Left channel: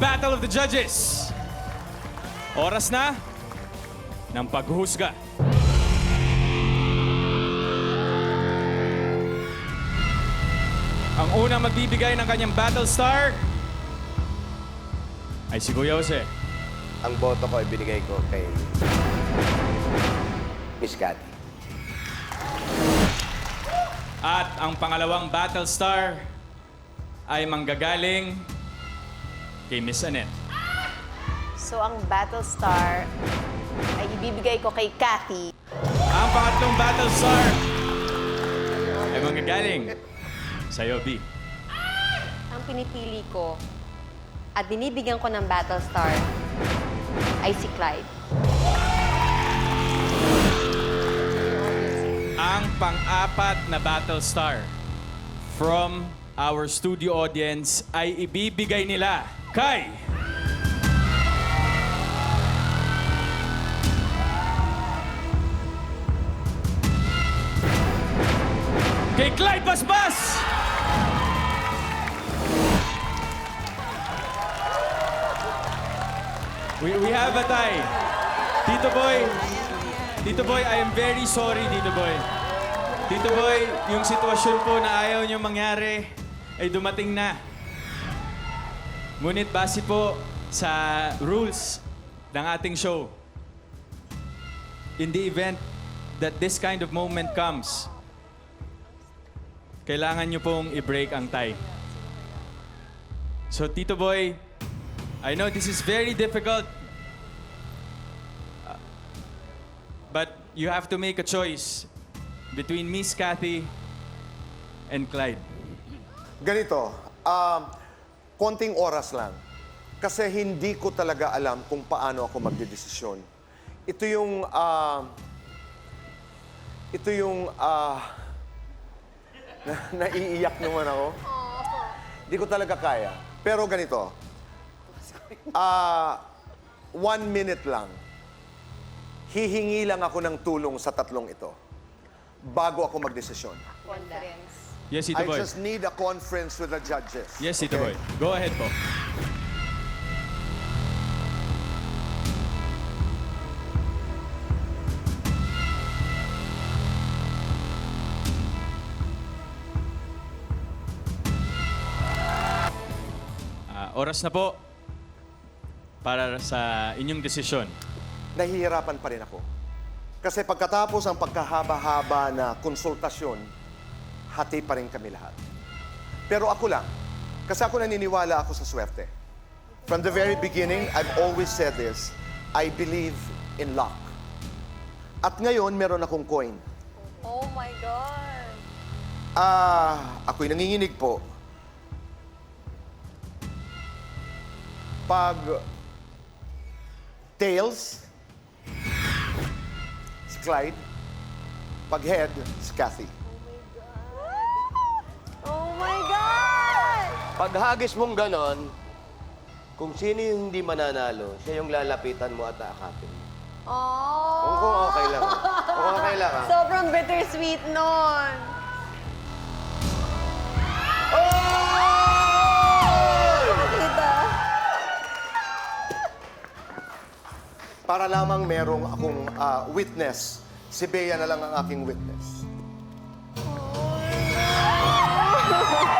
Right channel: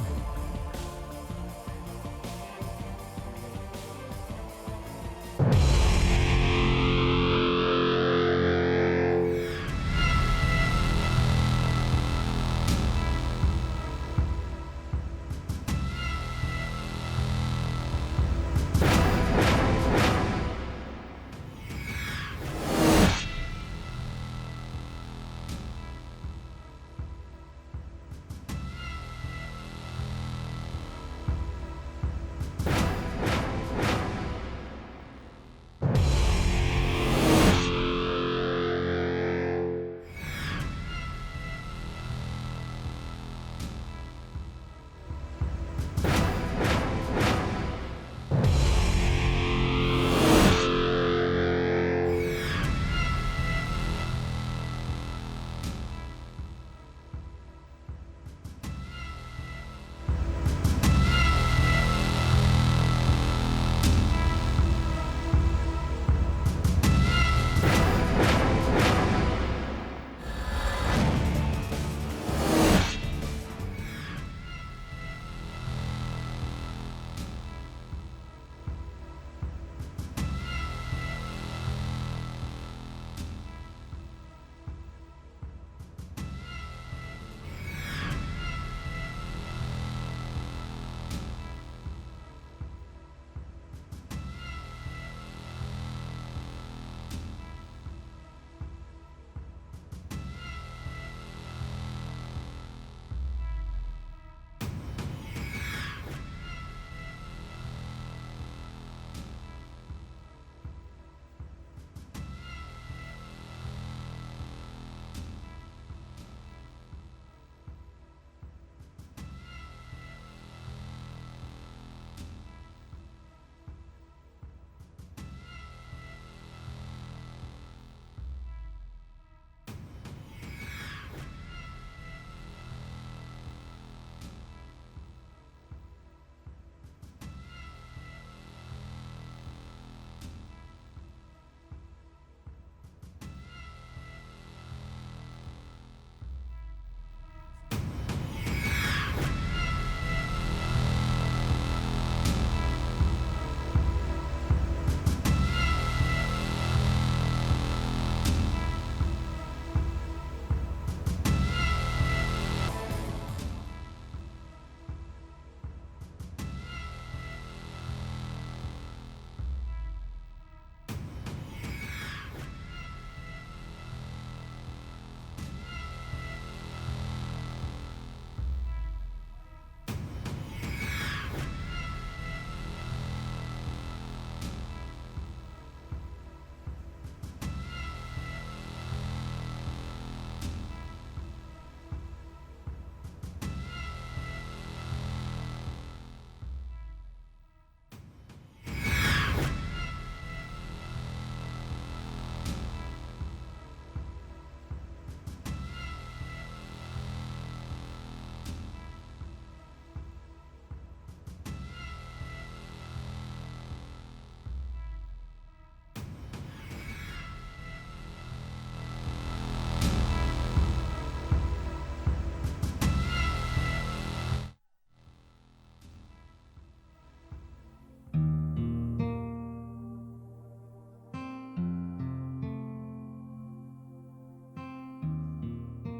Battle of the Judges. Oras na ng paghuhusga. Ang unang magbibigay ng kanyang battle star ay si Kuya Jose. Ang boto ko ay binigay ko kay Miss Kat. At ang pangalawang battle star ay manggagaling kay Miss Annette. So, ang battle star ay ibibigay ko kay Kathy. Ang pangatlong battle star ay manggagaling sa'yo, B. Ang pinipili ko at binibigyan ko ng battle star ay si Clyde. Ang pang-apat na battle star from our studio audience ay ibibigay nila kay Clyde Basbas! We have a tie. Tito Boy, I am very sorry, Tito Boy. Tito Boy, yung sitwasyon po na ayaw niyo mangyari ay dumating na. Ngunit base po sa rules ng ating show, in the event that this kind of moment comes, kailangan niyo pong i-break ang tie. So, Tito Boy, I know this is very difficult, but you have to make a choice between Miss Kathy and Clyde. Ganito, konting oras lang. Kasi hindi ko talaga alam kung paano ako magdedesisyon. Naiiyak naman ako. Hindi ko talaga kaya. Pero ganito, 1 minute lang. Hihingi lang ako ng tulong sa tatlong ito bago ako magdesisyon. Yes, Tito I Boy. just need a conference with the judges. Yes, Tito Boy. Go ahead po. Oras na po para sa inyong desisyon. Nahihirapan pa rin ako. Kasi pagkatapos ang pagkahaba-haba na konsultasyon, hati pa rin kami lahat. Pero ako lang, kasi ako naniniwala ako sa swerte. From the very beginning, I've always said this, I believe in luck. At ngayon, meron akong coin. Oh my God! Ako'y nanginginig po. Pag tails, si Clyde. Pag head, si Kathy. Oh my God! Pag hagis mong ganon, kung sino yung hindi mananalo, siya yung lalapitan mo at aakapin. Oh! Kung okay lang. Kung okay lang, ha? Sobrang bittersweet nun. Para lamang merong akong witness. Si Bea na lang ang aking witness. Ganda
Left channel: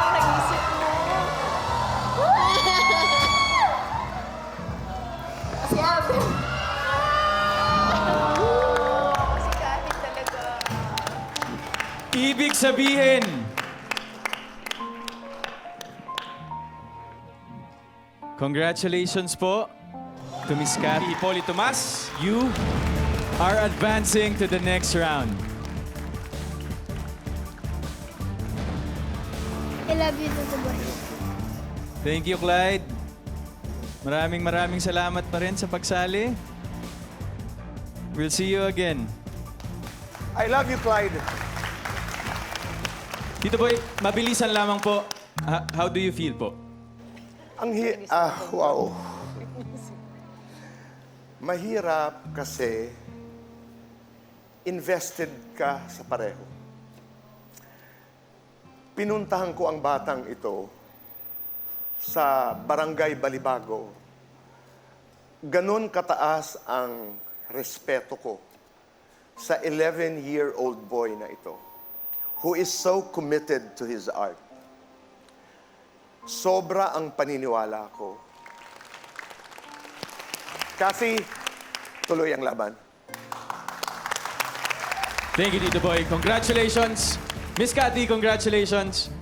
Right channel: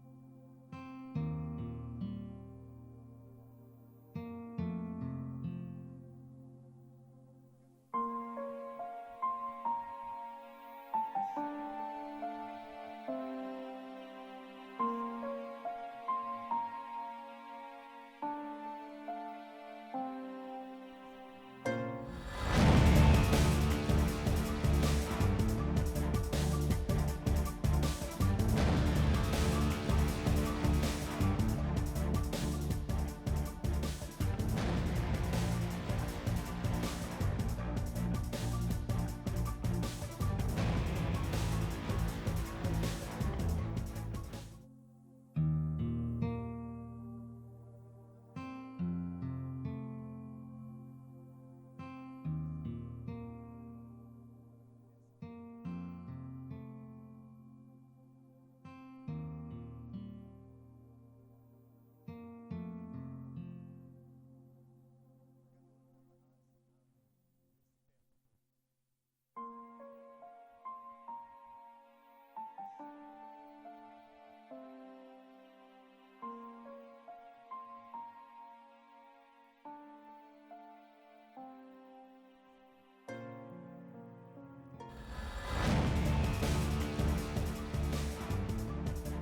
ng naisip mo. Si Abel. Si Kathy talaga. Ibig sabihin, congratulations po to Miss Kathy Poli Tomas. You are advancing to the next round. I love you, Tito Boy. Thank you, Clyde. Maraming salamat pa rin sa pagsali. We'll see you again. I love you, Clyde. Tito Boy, mabilisan lamang po. How do you feel po? Wow. Mahirap kasi invested ka sa pareho. pinuntahan ko ang batang ito sa Barangay Balibago, ganon kataas ang respeto ko sa 11-year-old boy na ito, who is so committed to his art. Sobra ang paniniwala ko. Kasi tuloy ang laban. Thank you, Tito Boy. Congratulations. Miss Cathy, congratulations.